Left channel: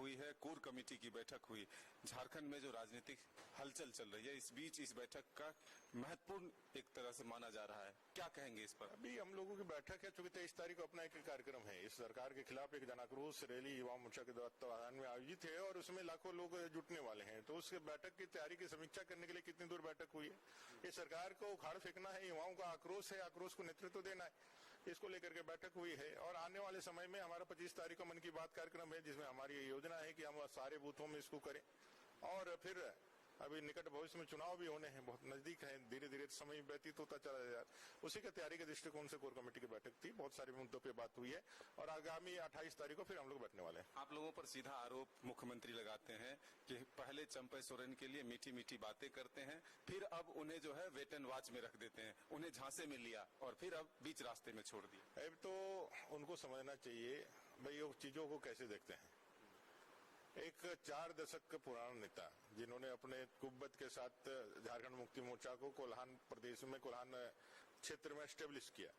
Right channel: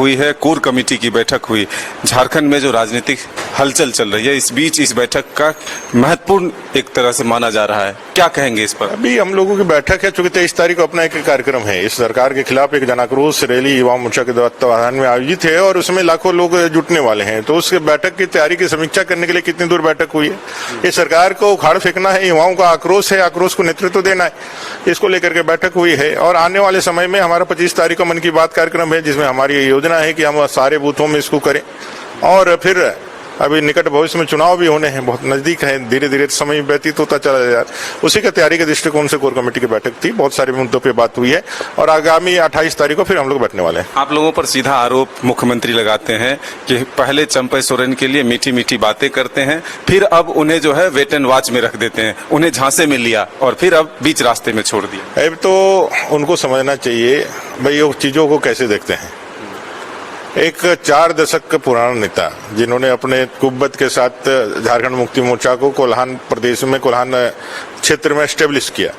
हुई है, core committee की बैठक हुई। झारखंड में जो राजनीतिक हलचल चल रही है, इस बीच इस बैठक का महत्वपूर्ण एक तरह से माना जा रहा है, क्या कहेंगे इस पर? अभी हम लोगों की बैठक है, चूंकि 23 तारीख को अपना एक कार्यक्रम है, इस सरकार के खिलाफ एक जनाक्रोश रैली युवा मोर्चा के तत्वाधान में आयोजित है और उसमें लाखों लोग जुटने वाले हैं। तो उस बैठक की तैयारी की समीक्षा करने के लिए कितनी दूर बैठक हुई है, ये सरकार को उखाड़ फेंकना है, युवाओं का आक्रोश है, आक्रोश को नेतृत्व देना है, इसको लेकर के बैठक हुई है। और आने वाले समय में हमारा 25 तारीख को मन की बात कार्यक्रम है, जिसमें हमारी योजना है कि हम सारे बूथों में इसको करें। और फिर अभी निकट भविष्य में चुनाव भी होने हैं, बहुत नजदीक है, धीरे धीरे समय व्यतीत होता चला जाए, उसी का तैयारी के दृष्टिकोण से कोर कमेटी की बैठक थी, बहुत सारे मुद्दों पे बात हुई है और आगामी 28 तारीख को फिर हम लोग बैठने वाले हैं। आप लोगों पर सीधा आरोप मुख्यमंत्री लगाते हैं कि पहले चंपई सोरेन के लिए मीठी मीठी बातें करते हैं, फिर अब उन्हें जो है वेट एंड वॉच में रख देते हैं, उन्हें झांसे में लिया और फिर अब बीच रास्ते में छोड़ दिया। अब तो उनको समझना चाहिए भाई वो चीजों को कैसे देखते हैं। एक 4 दशक पुराना नेता जिन्होंने अपने कुब्बत के साथ झारखंड मुक्ति मोर्चा को कोल्हान प्रदेश में, कोल्हान क्षेत्र में एस्टेब्लिश किया,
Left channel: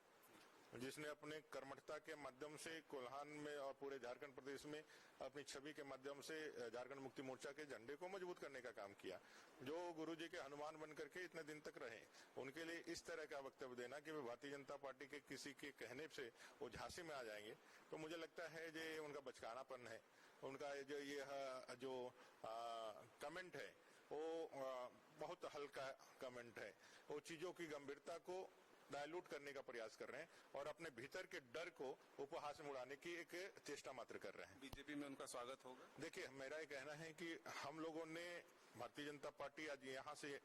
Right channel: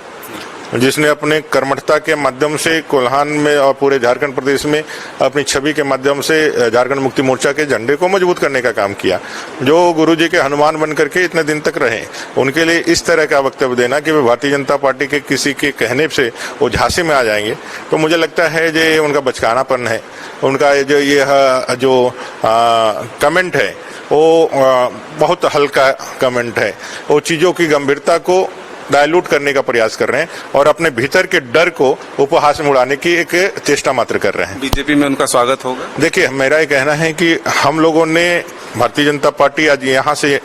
जिसने अपने कर्मठता के माध्यम से कोल्हान में और पूरे झारखंड प्रदेश में अपनी छवि के माध्यम से झारखंड मुक्ति मोर्चा के झंडे को मजबूत करने का काम किया, जो गुरुजी के हनुमान बन करके इतने दिन तक रहे, उनके लिए इस तरह का वक्तव्य देना कि वे भारतीय जनता पार्टी के किसी के कहने से वो झांसे में आ जाएंगे, तो मुझे लगता है ये उनका बचकानापन है। उनका जो ये जो कमेंट है वो बहुत हल्का कमेंट है, वो चीजों की गंभीरता को डायलूट करने का प्रयास कर रहे हैं और अपने भीतर के डर को उपहास में उड़ाने की एक चेष्टा मात्र कर रहे हैं। बीजेपी में उनका स्वागत होगा? देखिए, मेरा ये कहना है कि हम लोगों ने भारतीय जनता पार्टी आज यहाँ से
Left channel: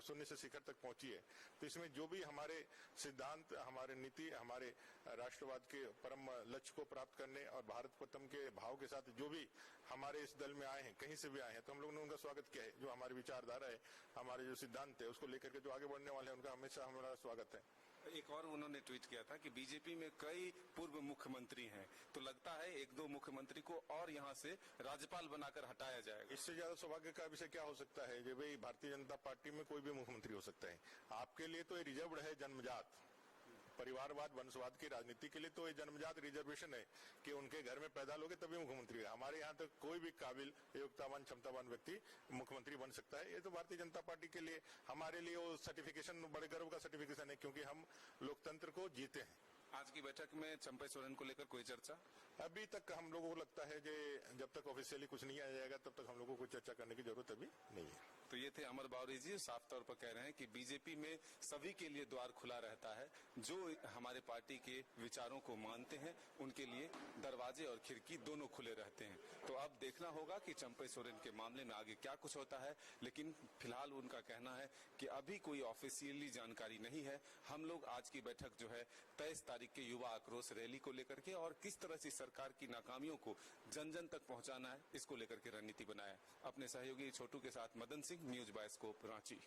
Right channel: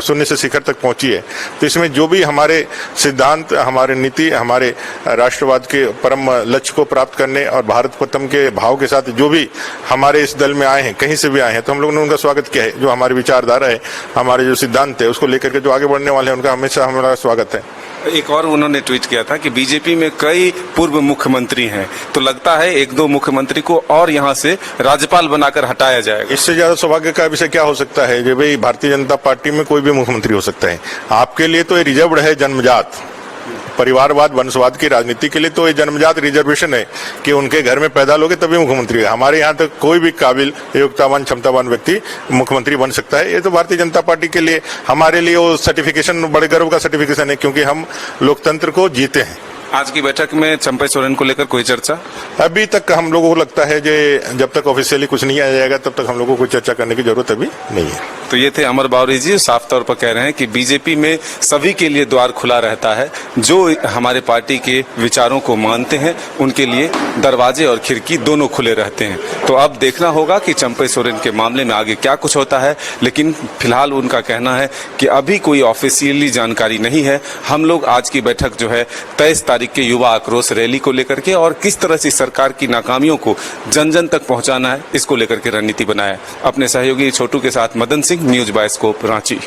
शून्य से शिखर तक पहुंची है, तो इसमें जो भी हमारे सिद्धांत, हमारे नीति, हमारे राष्ट्रवाद के परम लक्ष्य को प्राप्त करने और भारत प्रथम के भाव के साथ जो भी हमारे इस दल में आए हैं, कहीं से भी आए हैं, तो हम लोगों ने उनका स्वागत किया है। जो हमारी विचारधारा है, हमारे जो सिद्धांत है, उसको लेकर के जो आगे बढ़ने वाले हैं, उनका हमेशा हमारा स्वागत है। एक और उन्होंने ट्वीट किया था कि बीजेपी में कई पूर्व मुख्यमंत्री हैं, तो लगता है 1-2 मुख्यमंत्री को और यहां से राज्यपाल बनाकर हटाया जाएगा। इससे ज्यादा सौभाग्य का विषय क्या हो सकता है कि भाई भारतीय जनता पार्टी में कोई भी मुख्यमंत्री हो सकता है। आपके लिए तो ये रिजर्व्ड है, जन्मजात परिवारवाद वंशवाद की राजनीति के लिए तो ये जन्मजात रिजर्वेशन है कि उनके घर में पैदा लोगे तभी मुख्यमंत्री है। हमारे यहाँ तक कोई भी काबिल, योग्यतावान, क्षमतावान व्यक्ति मुख्यमंत्री बन सकता है। ये तो भारतीय जनता पार्टी के लिए, हमारे लिए वो सर्टिफिकेशन बड़े गर्व का सर्टिफिकेशन है, क्योंकि हम लोकतंत्र को जीते हैं। आज की बैठक में चंपई सोरेन को लेकर कोई चर्चा? अभी तक हम लोगों को लगता है कि जब तक ऑफिशियली कुछ नहीं आ जाएगा तब तक हम लोगों को चर्चा करने की जरूरत अभी नहीं है। तो ये थे अमर बावरी जी, साफ तौर पर कह रहे हैं कि बीजेपी में सभी के लिए द्वार खुला रहता है, जो हमारे पार्टी के विचारों को मानते हैं उनके लिए दरवाजे और खिड़की दोनों खुले रहते हैं। तो अब देखना होगा कि चंपई सोरेन के मामले में आगे क्या कुछ होता है, लेकिन फिलहाल उनका कहना है कि अभी कोई ऑफिशियली जानकारी नहीं है। हम लोग आज की बैठक जो है 23 तारीख के युवा आक्रोश रैली को लेकर के और किस तरह से सरकार की नाकामियों को जन जन तक पहुंचाना है, इसको लेकर के रणनीति बनाया। अपने सहयोगी छोटू के साथ मदन सिंह, न्यूज बायोस्कोप, रांची।